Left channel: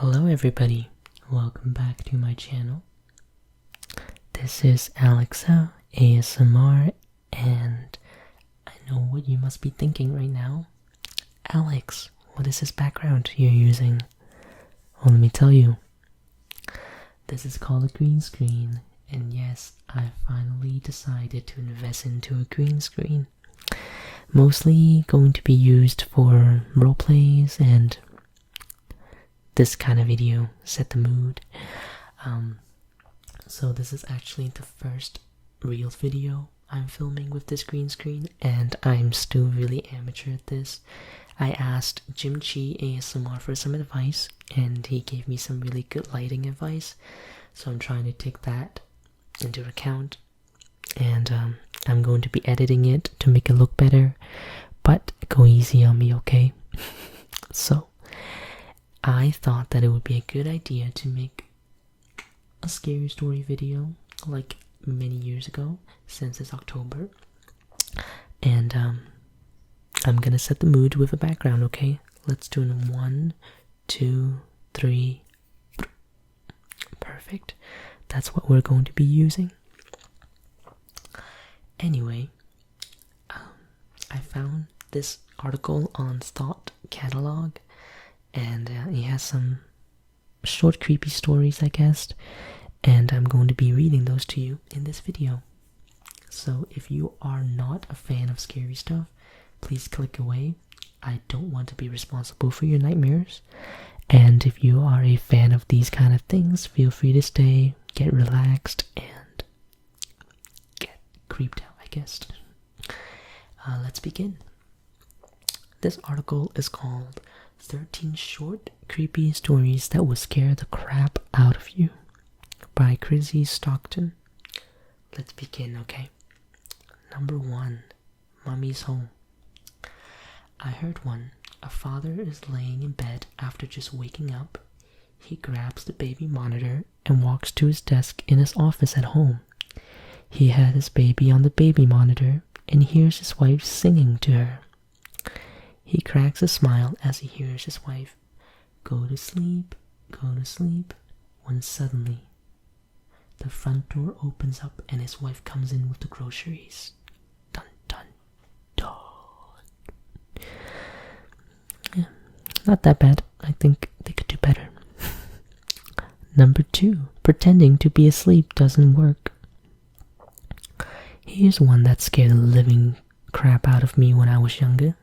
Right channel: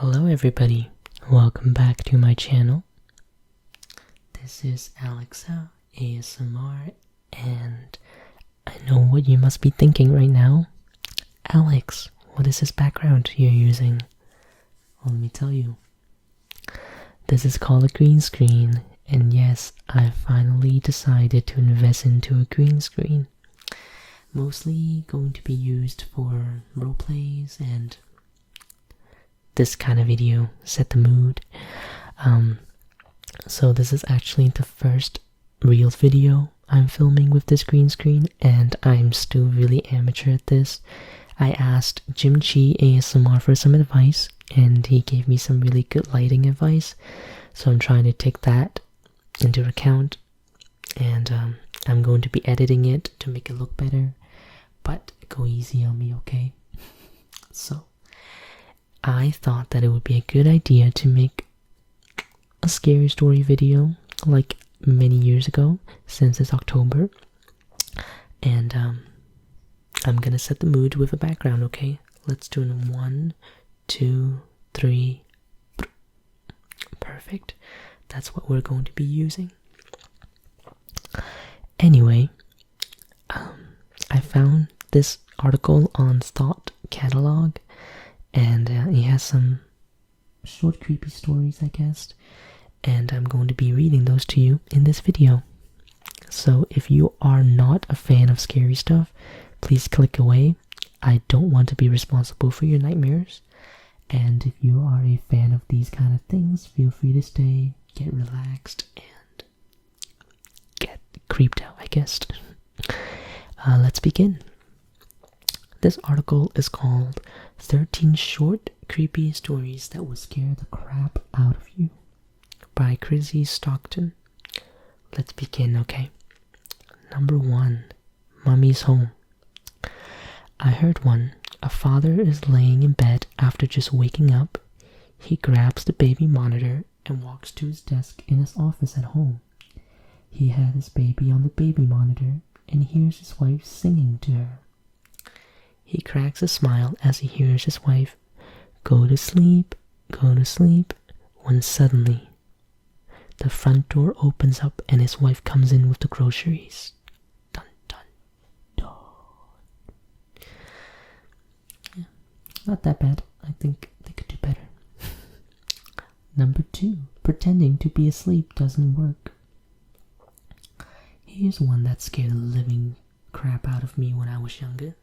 Hello everybody, welcome back to my channel. This is Alexa ASMR, and I know what you must be thinking right now. Alex, what is this background you're using? Well, let me tell you. This is called a green screen, and yes, I finally decided to invest into a green screen. Mostly going to be used for roleplays and this kind of video, set the mood. So this is actually the first real video I'm filming with this green screen, and I'm still really amateur at this. I asked Jim Chi ASMR for some advice, and he gave me some really good lighting advice, so I'm trying to take that into account, and I'm going to be editing it to make it look better, but go easy on me, okay? So I thought that it would be a good idea to make a scary story video like many years ago, since it's October, and I'm gonna set the mood with a background, okay? Let's do it in 1, 2, 3. Perfect. That's what we're going to be using. Anyway, I found this article on Stockton catalogue, and it has some short creepy stories, I guess, and I'm going to be reading those to you in this video. So if you are not a fan of scary stuff, please click away. I don't want to be responsible for your nightmares. And if you are a fan of these kind of things, feel free to stay, get relaxed, and get creeped out, I guess. Let's begin. This article is called 13 Short Creepy Stories That Will Scare the Crap Out of You by Chrissy Stockton. Let's begin, okay? Number 1. Mommy's Home. I heard one. A father is laying in bed after just waking up. He grabs the baby monitor and walks to his desk in his office at home. He has his baby on the baby monitor and hears his wife singing to her. He cracks a smile as he hears his wife, go to sleep, when suddenly the front door opens up and his wife comes in with the groceries. Dun dun dun. Yeah, not that bad. I think they could do better. Number 2. Pretending to be asleep doesn't work. Here's one that scared the living crap out of me when I was younger.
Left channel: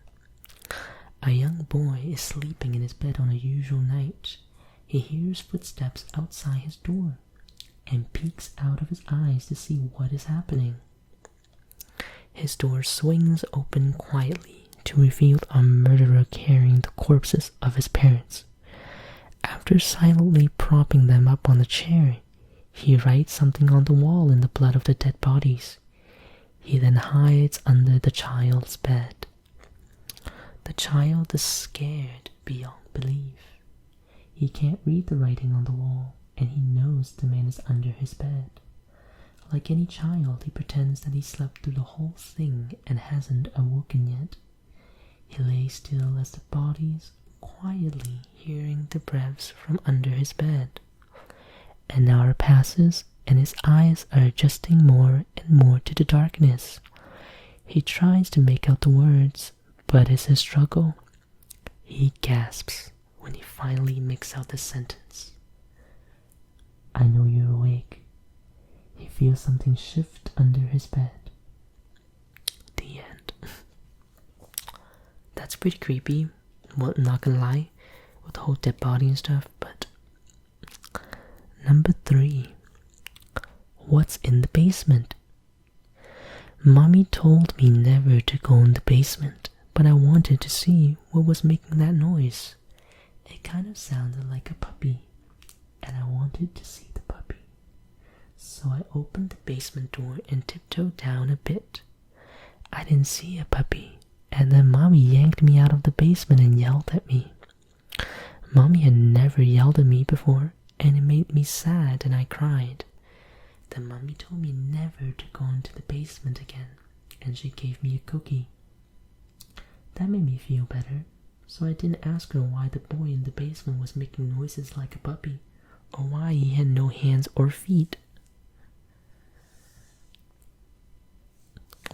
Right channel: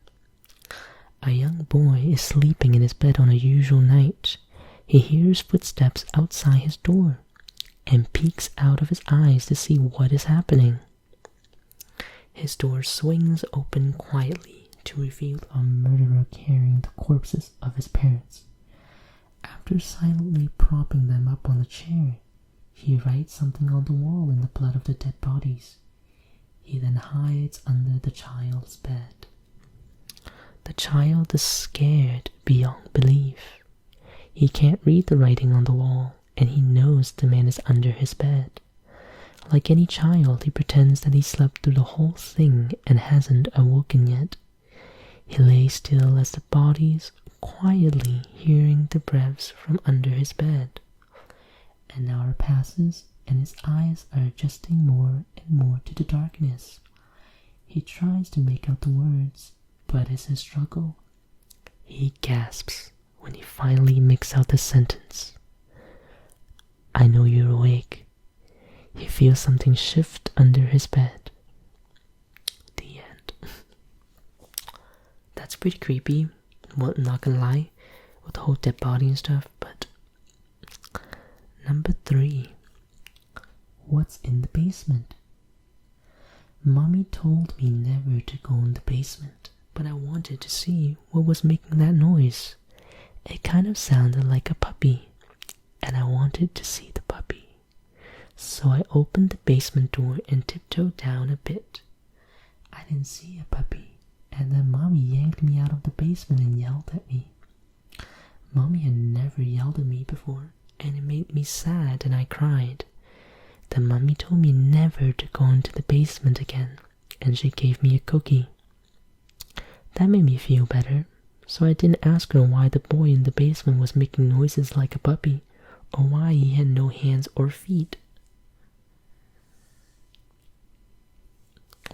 A young boy is sleeping in his bed on a usual night. He hears footsteps outside his door and peeks out of his eyes to see what is happening. His door swings open quietly to reveal a murderer carrying the corpses of his parents. After silently propping them up on the chair, he writes something on the wall in the blood of the dead bodies. He then hides under the child's bed. The child is scared beyond belief. He can't read the writing on the wall, and he knows the man is under his bed. Like any child, he pretends that he slept through the whole thing and hasn't awoken yet. He lays still as the bodies, quietly hearing the breaths from under his bed. An hour passes, and his eyes are adjusting more and more to the darkness. He tries to make out the words, but it's a struggle. He gasps when he finally makes out the sentence. I know you're awake. He feels something shift under his bed. The end. That's pretty creepy. Well, not gonna lie, with the whole dead body and stuff, but... Number 3. What's in the basement? Mommy told me never to go in the basement, but I wanted to see what was making that noise. It kind of sounded like a puppy, and I wanted to see the puppy. So I opened the basement door and tiptoed down a bit. I didn't see a puppy, and then Mommy yanked me out of the basement and yelled at me. Mommy had never yelled at me before, and it made me sad and I cried. Then Mommy told me never to go into the basement again, and she gave me a cookie. That made me feel better, so I didn't ask her why the boy in the basement was making noises like a puppy, or why he had no hands or feet.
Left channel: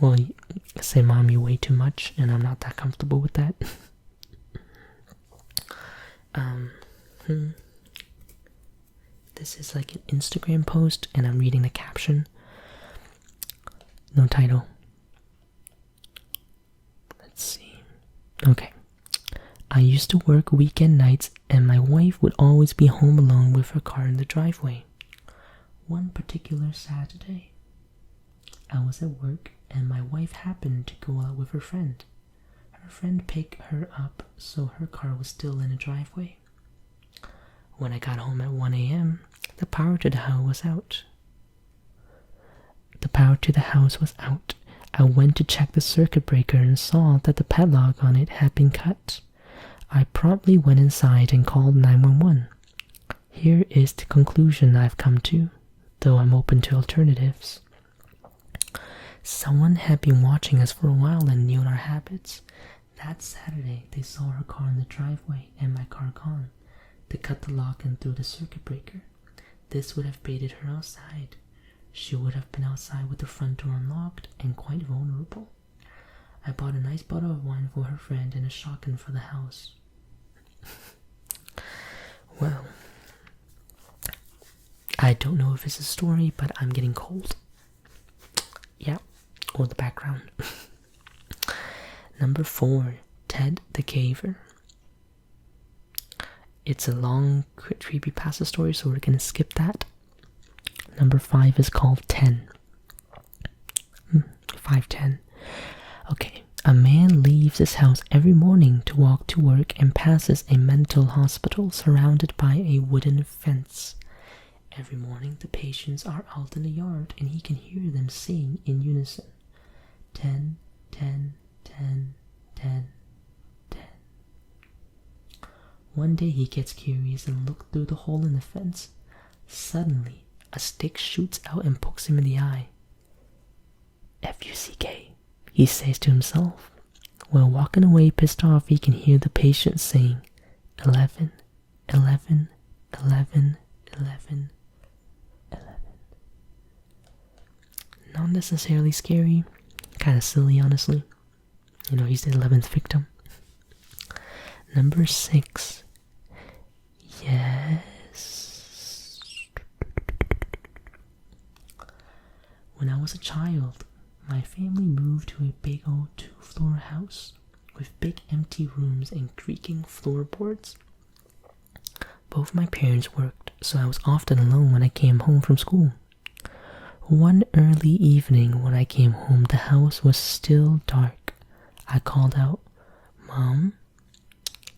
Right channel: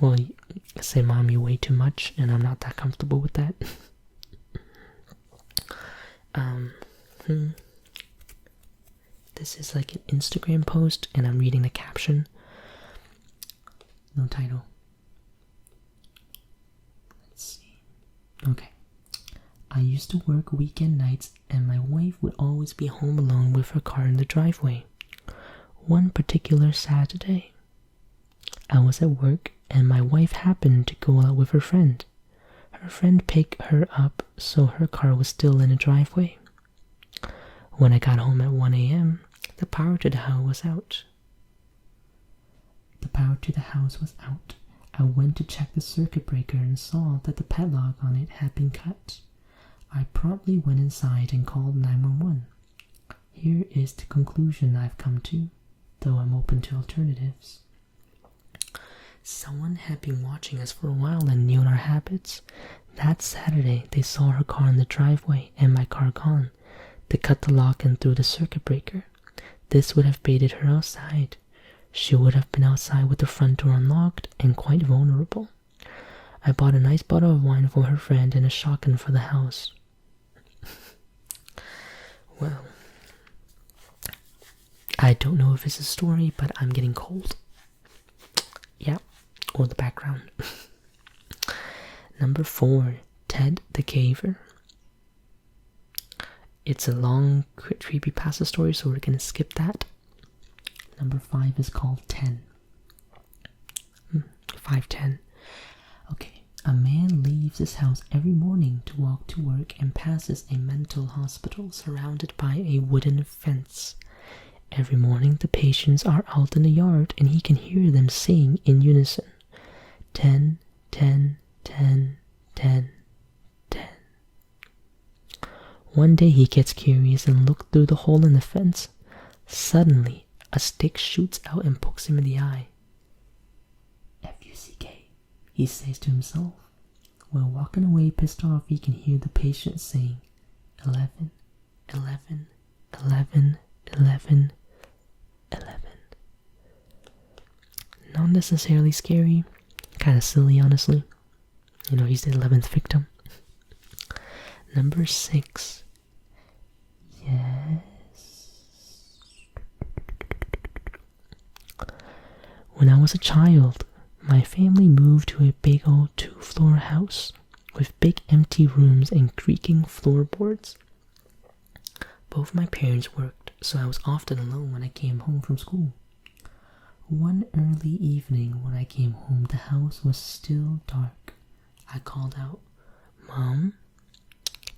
Well, you say, Mom, you weigh too much, and I'm not that comfortable with that. This is like an Instagram post, and I'm reading the caption. No title. Let's see. Okay. I used to work weekend nights, and my wife would always be home alone with her car in the driveway. One particular Saturday, I was at work, and my wife happened to go out with her friend. Her friend picked her up, so her car was still in the driveway. When I got home at 1 a.m., the power to the house was out. I went to check the circuit breaker and saw that the padlock on it had been cut. I promptly went inside and called 911. Here is the conclusion I've come to, though I'm open to alternatives. Someone had been watching us for a while and knew our habits. That Saturday, they saw her car in the driveway and my car gone. They cut the lock and threw the circuit breaker. This would have baited her outside. She would have been outside with the front door unlocked and quite vulnerable. I bought a nice bottle of wine for her friend and a shotgun for the house. Well, I don't know if it's a story, but I'm getting cold. Yeah, or the background. Number 4, Ted the Caver. It's a long creepypasta story, so we're gonna skip that. Number 5 is called 10. 510. Okay, a man leaves his house every morning to walk to work and passes a mental hospital surrounded by a wooden fence. Every morning the patients are out in the yard and he can hear them saying in unison, 10, 10, 10, 10, 10. One day he gets curious and looks through the hole in the fence. Suddenly, a stick shoots out and pokes him in the eye. F-U-C-K, he says to himself. While walking away pissed off, he can hear the patients saying, 11, 11, 11, 11, 11. Not necessarily scary, kind of silly, honestly. You know, he's the 11th victim. Number 6. Yes. When I was a child, my family moved to a big old 2-floor house with big empty rooms and creaking floorboards. Both my parents worked, so I was often alone when I came home from school. One early evening when I came home, the house was still dark. I called out, "Mom?"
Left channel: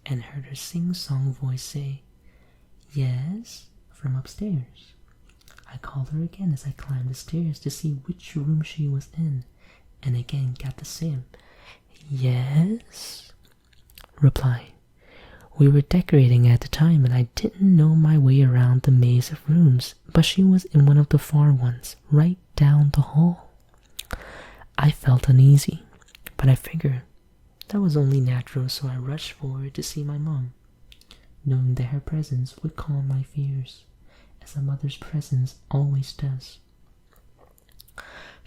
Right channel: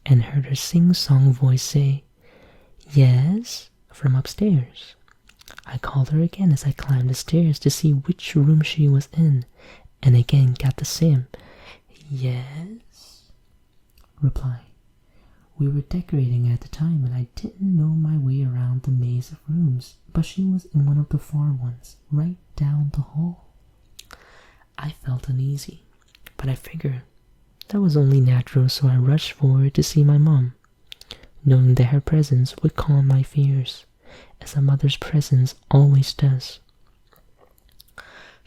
and heard her sing-song voice say, "Yes," from upstairs. I called her again as I climbed the stairs to see which room she was in, and again got the same "Yes" reply. We were decorating at the time and I didn't know my way around the maze of rooms, but she was in one of the far ones, right down the hall. I felt uneasy, but I figured that was only natural, so I rushed forward to see my mom, knowing that her presence would calm my fears, as a mother's presence always does.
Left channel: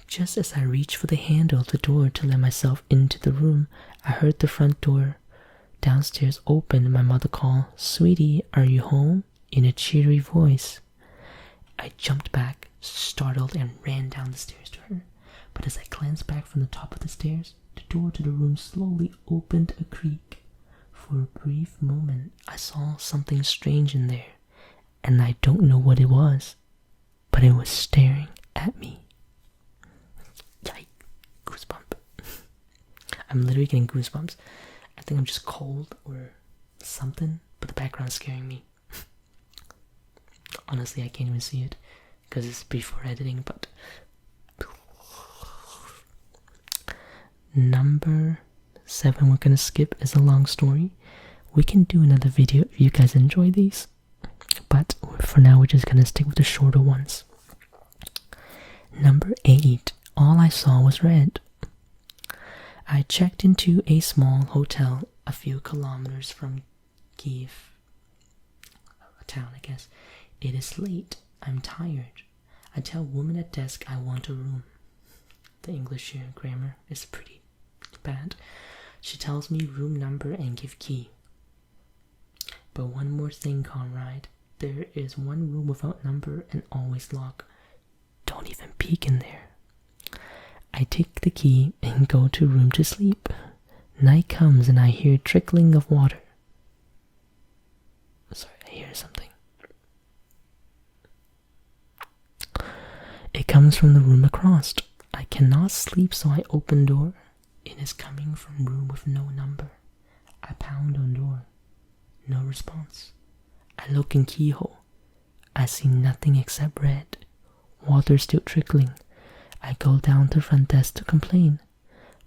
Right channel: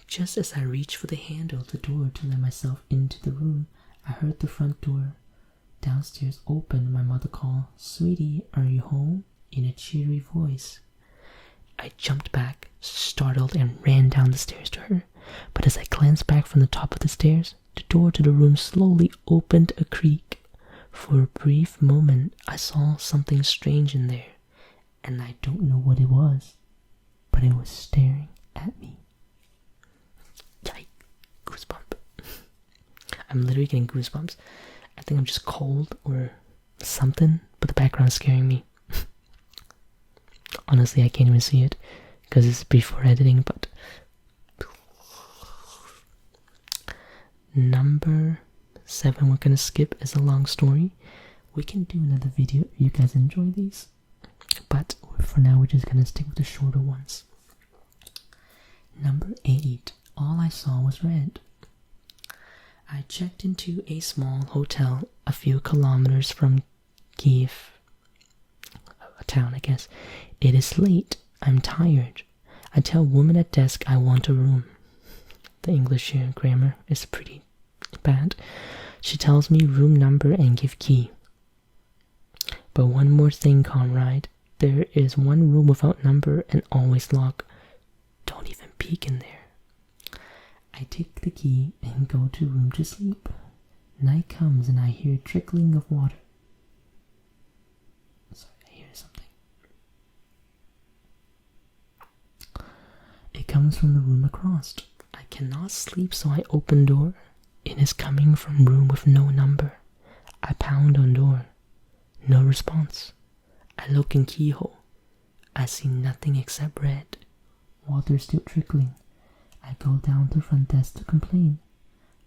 Just as I reached for the handle of the door to let myself into the room, I heard the front door downstairs open and my mother call, "Sweetie, are you home?" in a cheery voice. I jumped back, startled, and ran down the stairs to her. But as I glanced back from the top of the stairs, the door to the room slowly opened a creak. For a brief moment, I saw something strange in there, and I don't know what it was, but it was staring at me. Yikes, goosebump. I'm literally getting goosebumps. I think I'm just cold or something, but the background is scaring me. Honestly, I can't even see it because it's before editing, but Number 7 we're gonna skip is a long story. We can do another video if you guys enjoy these, but for now we're just gonna stick with the shorter ones. Number 8, all I saw was red. I checked into a small hotel a few kilometers from Kiev, a town, I guess. It is late. I'm tired. I tell woman at desk I want a room. The English here grammar is pretty bad. She tells me room number and give key. But one more thing, comrade. There is one room without number and always locked. Don't even peek in there. I take the key and go to room to sleep. Night comes and I hear trickling of water. Sorry, I hear something. It comes from the room across. I cannot sleep, so I open door. It is coming from room with no number. I pound on door. No response. I look in keyhole. I see nothing except red. Water still trickling. I go down to front desk to complain.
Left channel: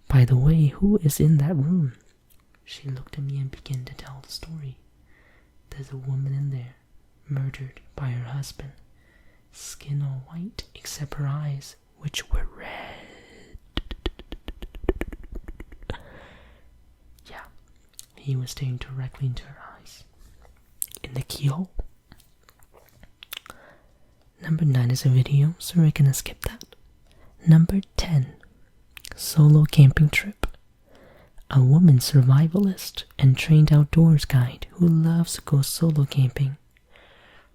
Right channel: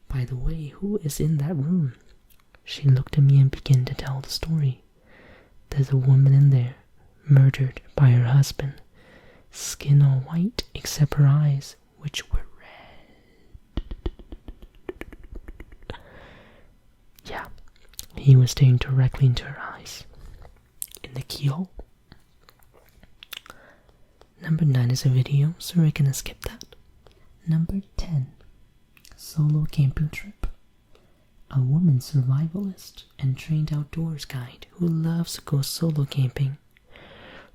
By the way, who is in that room? She looked at me and began to tell the story. There's a woman in there, murdered by her husband. Skin all white except her eyes, which were red. Yeah, he was staring directly into her eyes. In the keyhole. Number 9 is a video, so we're gonna skip that. Number 10. Solo camping trip. A woman survivalist and trained outdoors guide who loves to go solo camping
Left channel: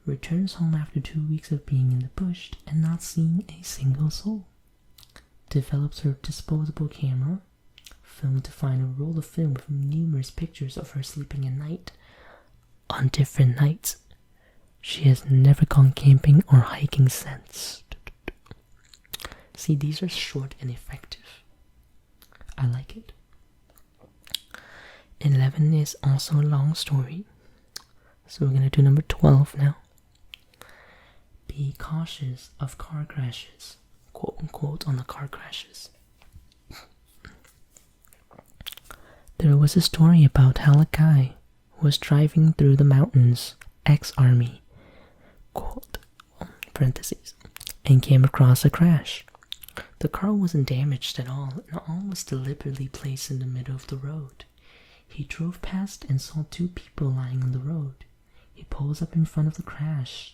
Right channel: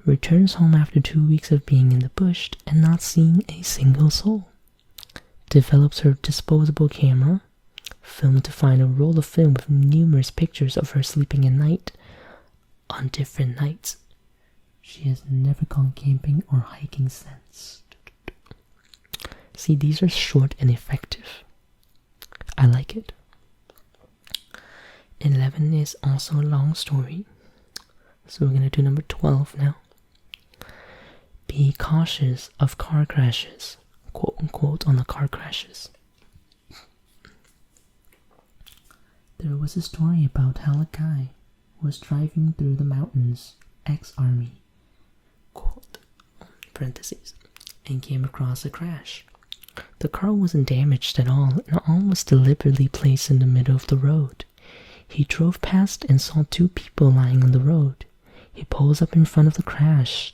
returns home after 2 weeks of being in the bush and not seeing a single soul. Develops her disposable camera, filmed to find a roll of film with numerous pictures of her sleeping at night on different nights. She has never gone camping or hiking since. See, these are short and effective. I like it. 11 is also a long story. So we're going to do number 12 now. Be cautious of car crashes. Quote unquote on the car crashes. There was a story about how a guy was driving through the mountains, ex-army, quote, parentheses, and came across a crash. The car wasn't damaged at all, and all was deliberately placed in the middle of the road. He drove past and saw 2 people lying on the road. He pulls up in front of the crash,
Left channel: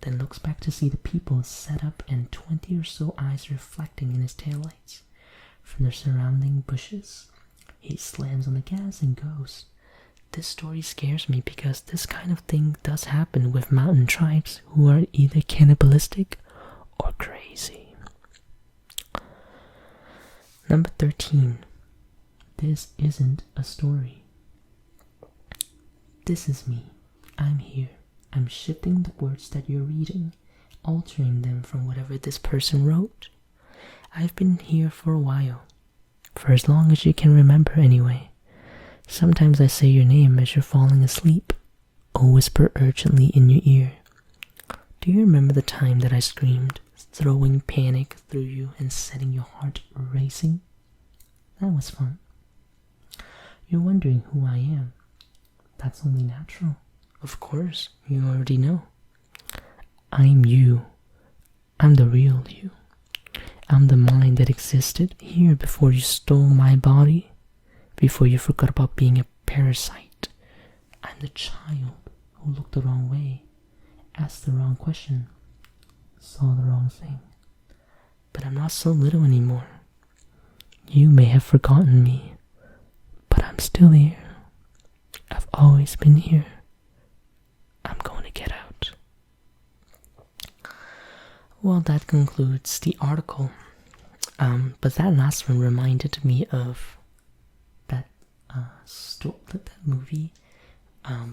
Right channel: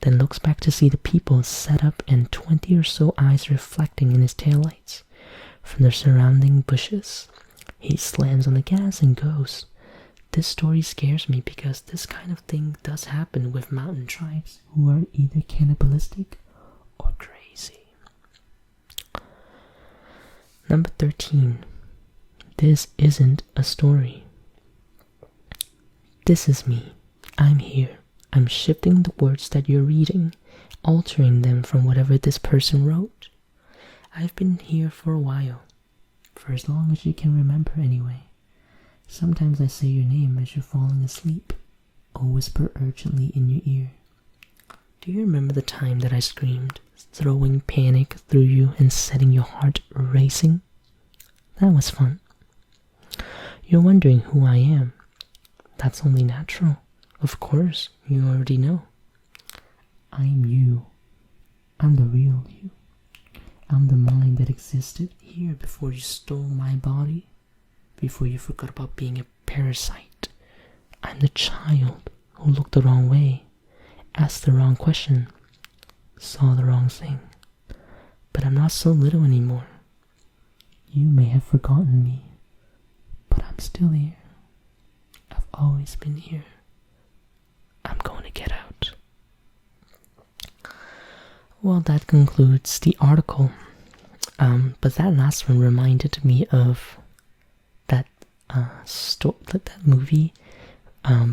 then looks back to see the people set up and 20 or so eyes reflecting in his taillights from the surrounding bushes. He slams on the gas and goes. This story scares me because this kind of thing does happen with mountain tribes who are either cannibalistic or crazy. Number 13. This isn't a story. This is me. I'm here. I'm shifting the words that you're reading, altering them from whatever this person wrote. I've been here for a while. For as long as you can remember anyway. Sometimes I say your name as you're falling asleep, or whisper urgently in your ear. Do you remember the time that I screamed, throwing panic through you and setting your heart racing? That was fun. You're wondering who I am. That's only natural. Of course, you already know. I'm you. I'm the real you. I'm the mind that existed here before you stole my body, before you forgot about being a parasite. I'm the child who looked the wrong way, asked the wrong question, saw the wrong thing. But I'm not so little anymore. You may have forgotten me, but I'm still here. I've always been here. I'm going to get out. Well, that concludes the article. But that last one reminded me of that that movie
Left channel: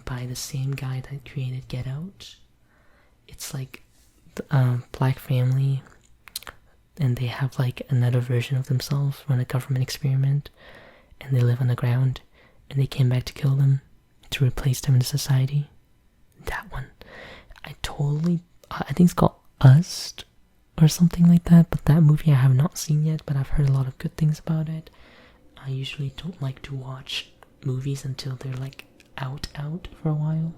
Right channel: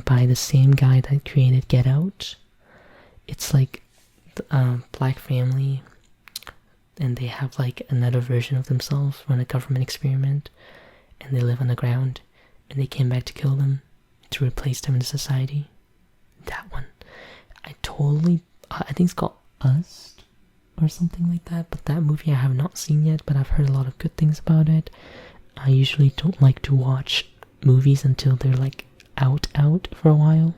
by the same guy that created Get Out. It's like the black family, and they have like another version of themselves run a government experiment, and they live on the ground, and they came back to kill them to replace them in society. That one, I think it's called Us or something like that, but that movie I have not seen yet, but I've heard a lot of good things about it. I usually don't like to watch movies until they're like out for a while.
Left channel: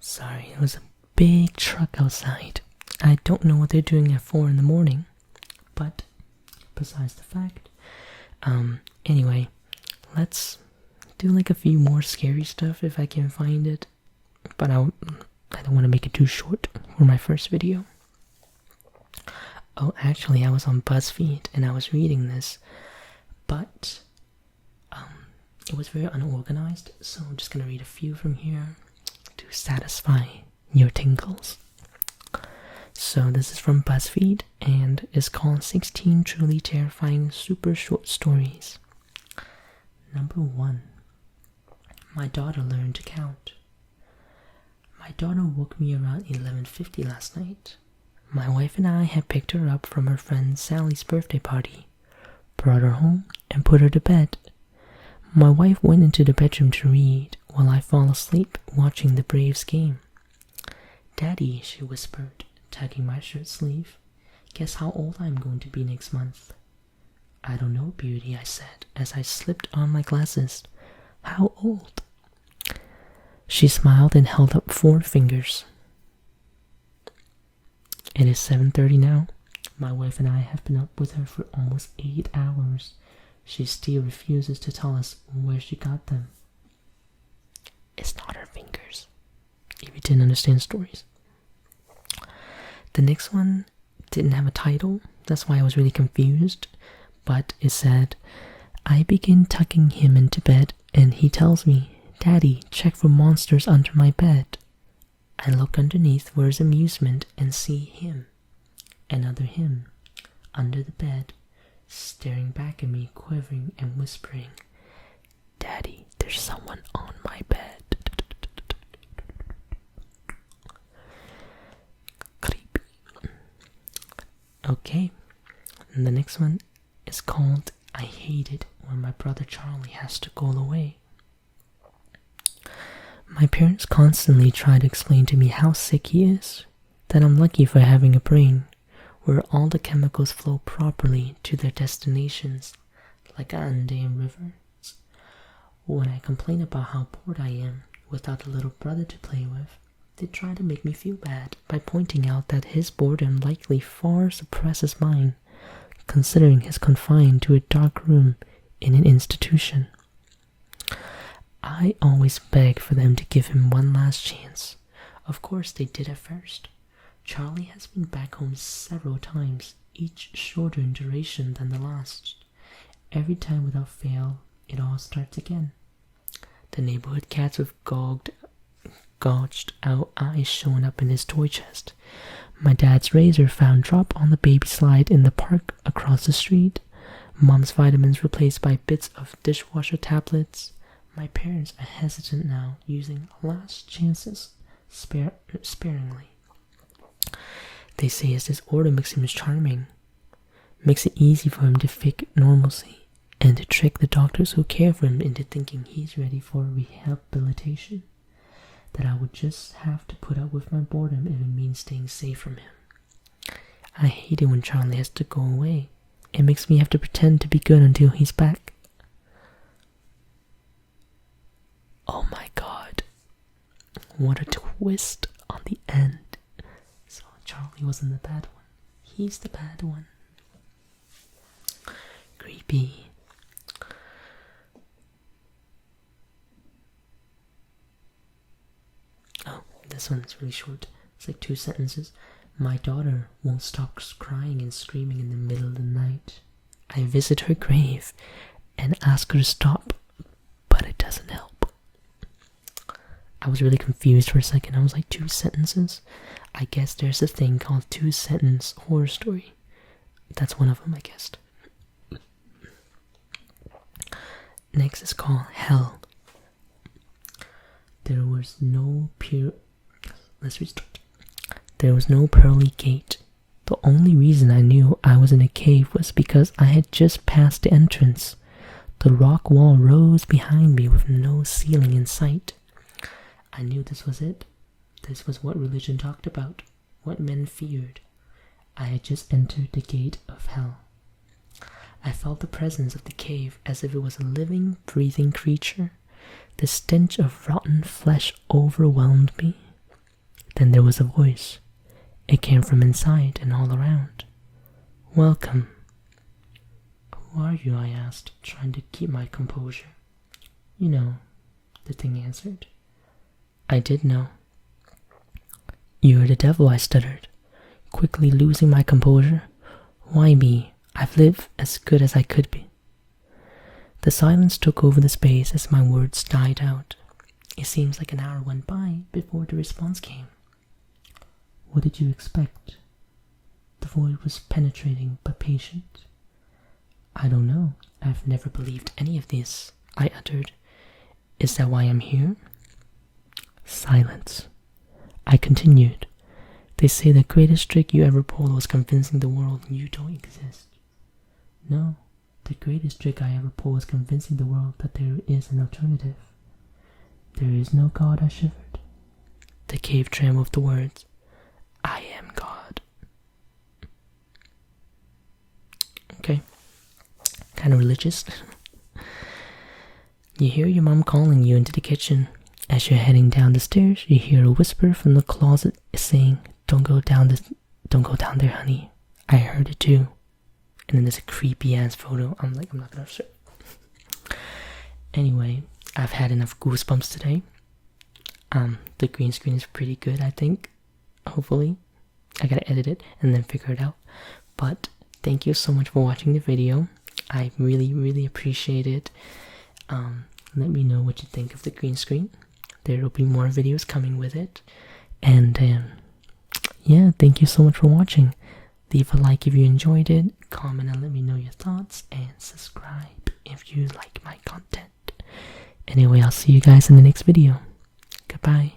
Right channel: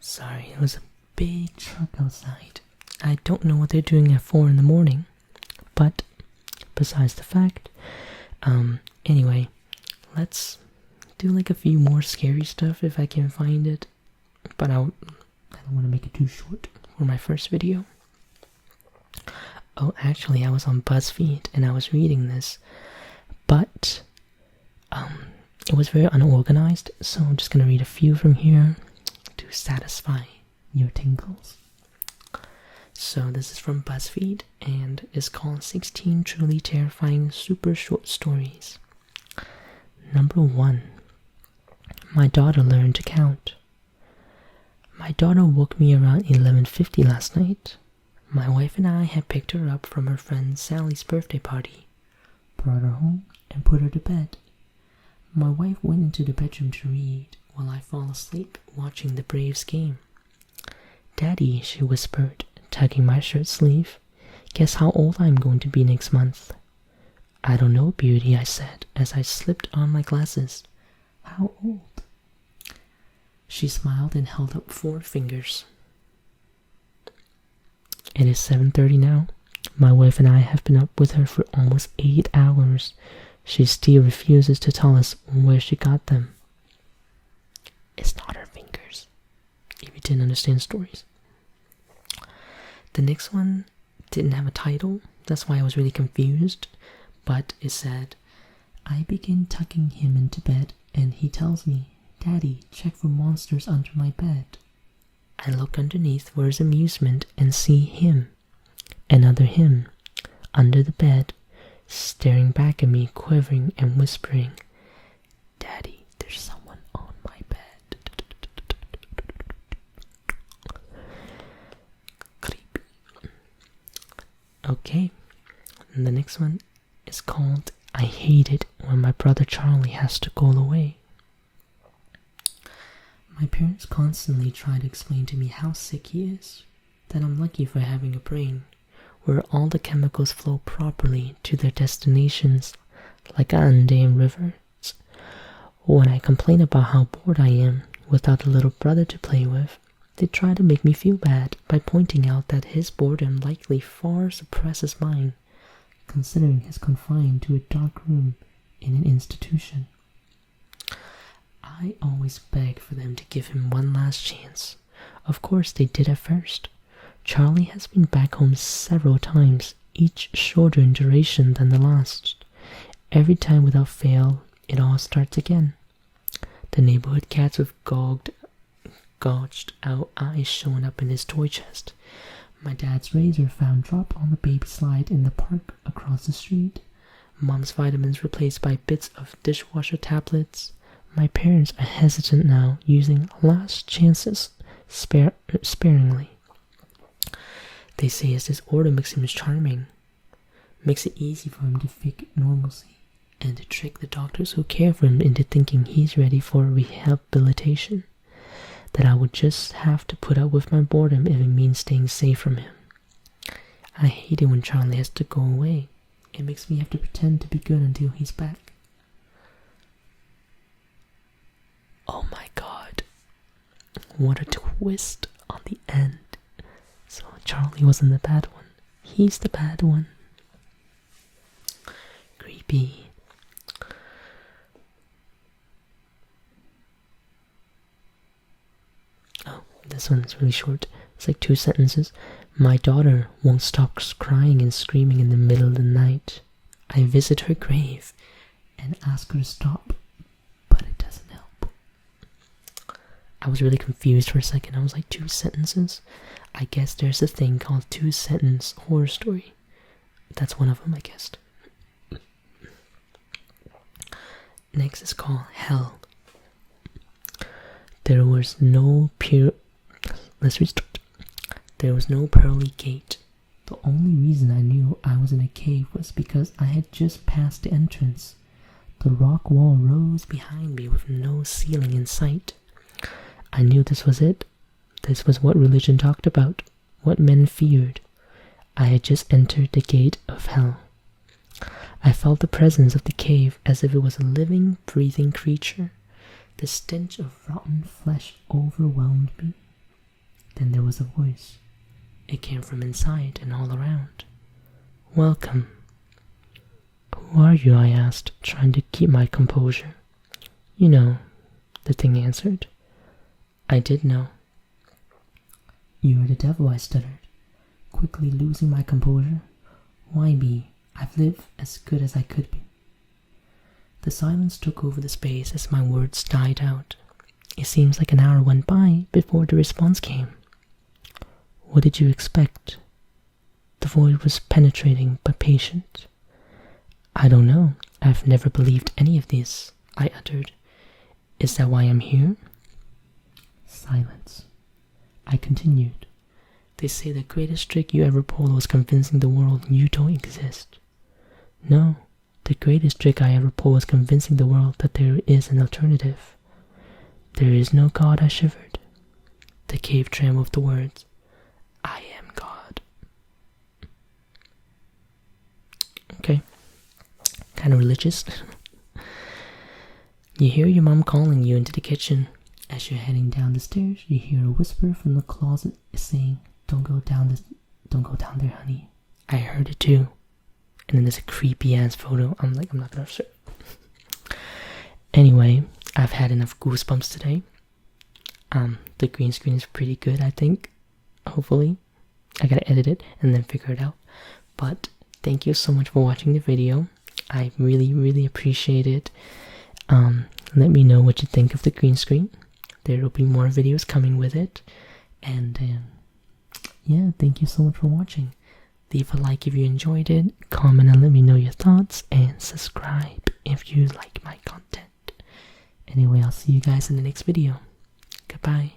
Sorry, it was a big truck outside. I don't know what they're doing at 4 in the morning, but besides the fact, Anyway, let's do like a few more scary stuff if I can find it. But I don't want to make it too short for my first video. Oh, actually, I was on BuzzFeed and I was reading this, but it was very unorganized, so I'm just gonna read a few from here to satisfy your tingles. So this is from BuzzFeed and is called 16 Truly Terrifying Super Short Stories. Number 1. My daughter learned to count. My daughter woke me around 11:50 last night. My wife and I had picked her up from her friend Sally's birthday party, brought her home, and put her to bed. My wife went into the bedroom to read, while I fall asleep watching the Braves game. "Daddy," she whispered, tugging my shirt sleeve, "guess how old I'm going to be next month?" "I don't know, beauty," I said, as I slipped on my glasses. "How old?" She smiled and held up 4 fingers. It is 7:30 now. My wife and I have been up with her for almost 8 hours. She still refuses to tell us where she got them. It's not her fingers, if you didn't understand stories. The next one didn't have a title, that's why I was really confused, but it said, "I begin tucking him into bed and he tells me, 'Daddy, check for monsters under my bed.' I look underneath for his amusement and see him, another him, under the bed, staring back at me, quivering and whispering, 'Daddy, there's someone on my bed.'" Creepy. Okay, and the next one is called "I Hate It When My Brother Charlie Has to Go Away." My parents constantly try to explain to me how sick he is, that I'm lucky for having a brain where all the chemicals flow properly to their destinations, like undammed rivers. When I complain about how bored I am without a little brother to play with, they try to make me feel bad by pointing out that his boredom likely far surpasses mine, considering he's confined to a dark room in an institution. I always beg for them to give him one last chance. Of course they did at first. Charlie has been back home several times, each shorter in duration than the last. Every time without fail, it all starts again. The neighborhood cats with gouged out eyes showing up in his toy chest. My dad's razor found drop on the baby slide in the park across the street. Mom's vitamins replaced by bits of dishwasher tablets. My parents are hesitant now, using last chances sparingly. They say his disorder makes him charming, makes it easy for him to fake normalcy, and to trick the doctors who care for him into thinking he's ready for rehabilitation. That I would just have to put up with my boredom if it means staying safe from him. I hate it when Charlie has to go away. It makes me have to pretend to be good until he's back. Oh my god. What a twist on the end. So Charlie wasn't the bad one. He's the bad one. Creepy. Oh, this one's really short. It's like 2 sentences. My daughter won't stop crying and screaming in the middle of the night. I visit her grave and ask her to stop, but it doesn't help. I was really confused for a second. I was like, 2 sentences? I guess there's a thing called 2-sentence horror story. That's one of them, I guess. Next is called Hell. There was no There was no pearly gate. The only reason I knew I was in a cave was because I had just passed the entrance. The rock wall rose behind me with no ceiling in sight. I knew this was it. This was what religion talked about, what men feared. I had just entered the gate of hell. I felt the presence of the cave as if it was a living, breathing creature. The stench of rotten flesh overwhelmed me. Then there was a voice. It came from inside and all around. Welcome. Who are you? I asked, trying to keep my composure. You know, the thing answered. I did know. You are the devil, I stuttered, quickly losing my composure. Why me? I've lived as good as I could be. The silence took over the space as my words died out. It seems like an hour went by before the response came. What did you expect? The void was penetrating but patient. I don't know. I've never believed any of this, I uttered. Is that why I'm here? Silence. I continued. They say the greatest trick you ever pulled was convincing the world you don't exist. No, the greatest trick I ever pulled was convincing the world that there is an alternative. There is no God, I shivered. The cave trembled with the words, I am God. Okay. Kind of religious. You hear your mom calling you into the kitchen. As you're heading down the stairs, you hear a whisper from the closet saying, Don't go down there, honey. I heard it too. And then there's a creepy ass photo. I'm not gonna show it. Anyway, I've had enough goosebumps today. The green screen is pretty good, I think. Hopefully. I gotta edit it and then figure it out. But thank you so much for watching the video. I really appreciate it. Let me know what you think of the green screen. There will be more videos coming with it. And yeah, thank you so much for watching. Leave a like if you enjoyed it, comment and let me know your thoughts, and subscribe if you like my content. Anyway, I'll see you guys in the next video. Goodbye.